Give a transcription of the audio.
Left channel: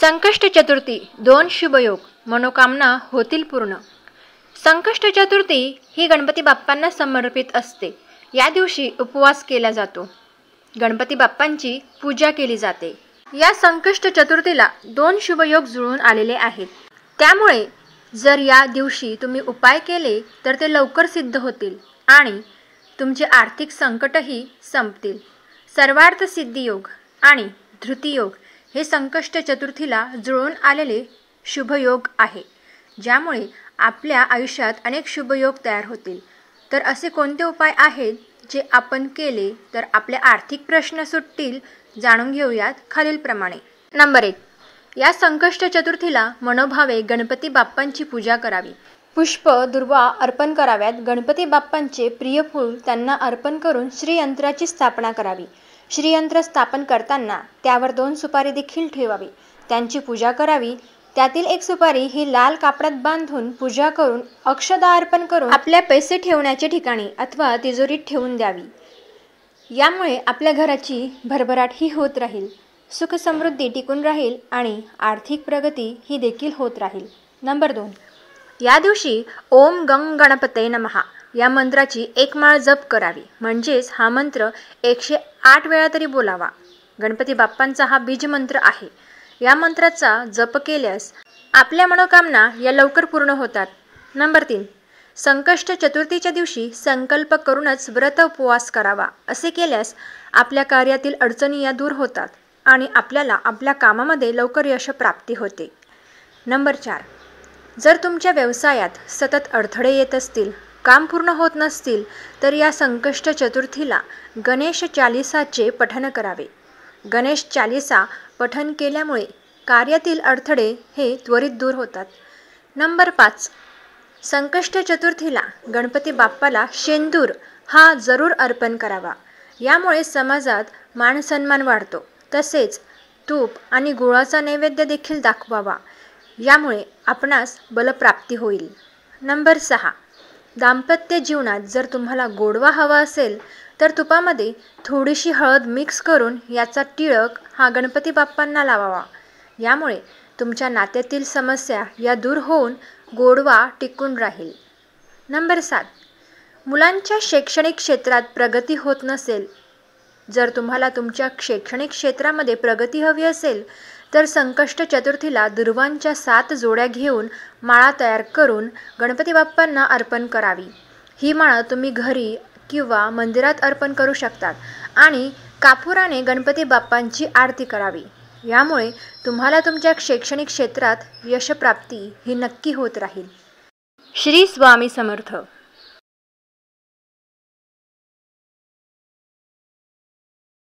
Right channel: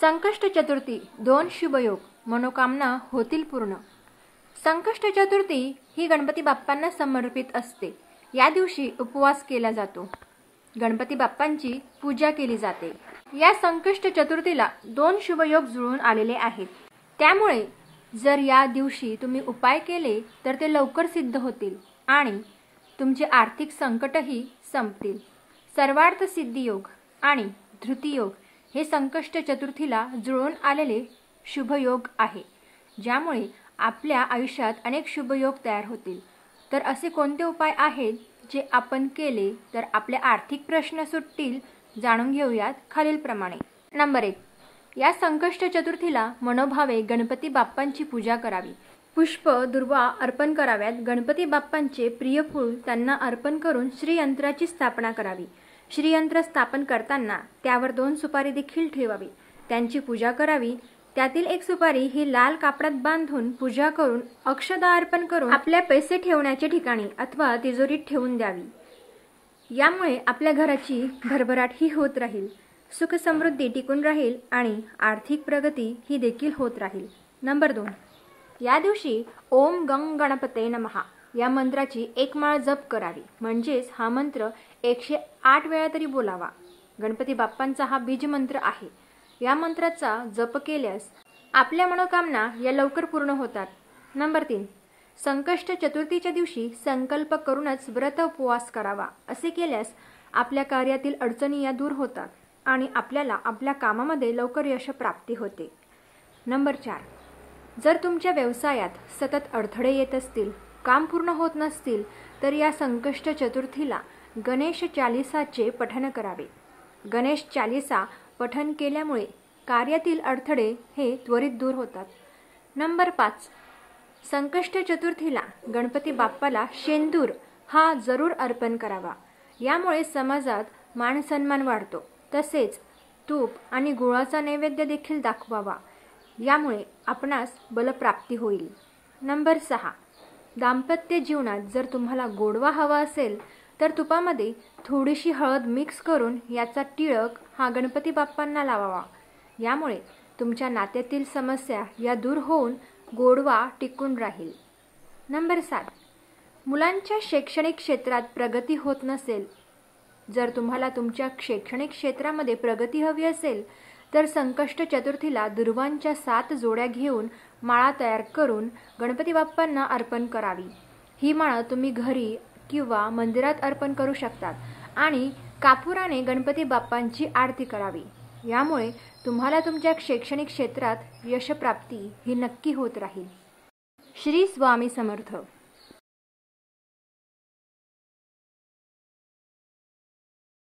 संकष्ट चतुर्थी 2 शुभयोग, मनोकामना होतील पूर्ण। संकष्ट चतुर्थी ही गणपती बाप्पांना समर्पित असते। या दिवशी उपवास केला जातो, गणपती बाप्पांची पूजा केली जाते। या संकष्ट चतुर्थीला 2 शुभयोग जुळून आलेले आहेत, त्यामुळे जर या दिवशी तुम्ही उपाय केले तर ते लवकर सिद्ध होतील आणि तुमचे आर्थिक संकटही संपतील। सर्वार्थ सिद्धी योग आणि धृती योग हे संकष्ट चतुर्थीला जुळून आलेले शुभयोग आहे, ज्यामुळे आपल्या आयुष्यात अनेक शुभयोग तयार होतील। तर असे कोणते उपाय आहेत जे आपण केले तर आपले आर्थिक प्रश्न सुटतील, जाणून घेऊयात खालीलप्रमाणे। नंबर 1, या संकष्ट चतुर्थीला मनोभावे गणपती बाप्पांची पूजा करावी। पुष्प दुर्वा अर्पण कराव्यात। गणपती बाप्पांचे प्रिय फूल त्यांना अर्पण करून श्रीयंत्राची स्थापना करावी। श्रीयंत्र स्थापन करताना त्यावर 2 सुपारी देखील ठेवावी, त्यांची पूजा करावी। त्यातील 1 सुपारी ही लाल कापडात बांधून पूजा करून अक्षदा अर्पण करून आपल्या पैसे ठेवण्याच्या ठिकाणी अथवा तिजोरीत ठेवून द्यावी। यामुळे आपल्या घराची भरभराट ही होत राहील, सुख समृद्धी टिकून राहील आणि आर्थिक प्रगती ही देखील होत राहील। नंबर 2, या दिवशी ओम गंग गणपते नमः या मंत्राची 1 माळ जप करावी, म्हणजेच हा मंत्र 108 वेळा तरी बोलावा। गणपती बाप्पांचा हा बीज मंत्र आहे। या मंत्राचा जप केल्यास आपल्या मनोकामना या लवकर पूर्ण होतात। नंबर 3, संकष्ट चतुर्थीच्या दिवशी संकल्प करूनच व्रत उपवास करावा। असे केल्यास आपल्या कार्यातील अडचणी या दूर होतात आणि आपल्याला आपल्या कामामध्ये लवकर यश प्राप्ती होते। नंबर 4, जर तुमच्या व्यवसायात सतत अडथळे येत असतील, काम पूर्ण होत नसतील, तर या संकष्ट चतुर्थीला गणेश चालीसाचे पठण करावे। गणेश चालीसा पठण केल्यामुळे कार्यातील अडथळे हे त्वरित दूर होतात। नंबर 5, संकष्ट चतुर्थीला गणपती बाप्पाला शेंदूर हा जरूर अर्पण करावा। यामुळे समाजात मानसन्मान वाढतो। तसेच तूप आणि गुळाचा नैवेद्य देखील दाखवावा, यामुळे आपणास बलप्राप्ती होईल। नंबर 6, दाम्पत्य जीवनात जर तुम्हाला गोडवा हवा असेल तर तुपामध्ये थोडीशी हळद मिक्स करून याचा टिळक हा गणपती बाप्पांना लावावा। यामुळे तुमच्या नात्यातील समस्या या दूर होऊन गोडवा टिकून राहील। नंबर 7, मुलांच्या शैक्षणिक क्षेत्रात प्रगती होत नसेल, जर तुम्हाला तुमच्या शैक्षणिक क्षेत्रामध्ये प्रगती हवी असेल तर संकष्ट चतुर्थीला दुर्वांच्या 7 जोड्या घेऊन माळा तयार करून गणपती बाप्पांना अर्पण करावी। ही माळा तुम्ही घरी किंवा मंदिरात अर्पण करू शकतात आणि कापुराने गणपती बाप्पांची आरती करावी। यामुळे तुम्हाला तुमच्या शैक्षणिक क्षेत्रात यशप्राप्ती ही नक्की होत राहील। श्री स्वामी समर्थ।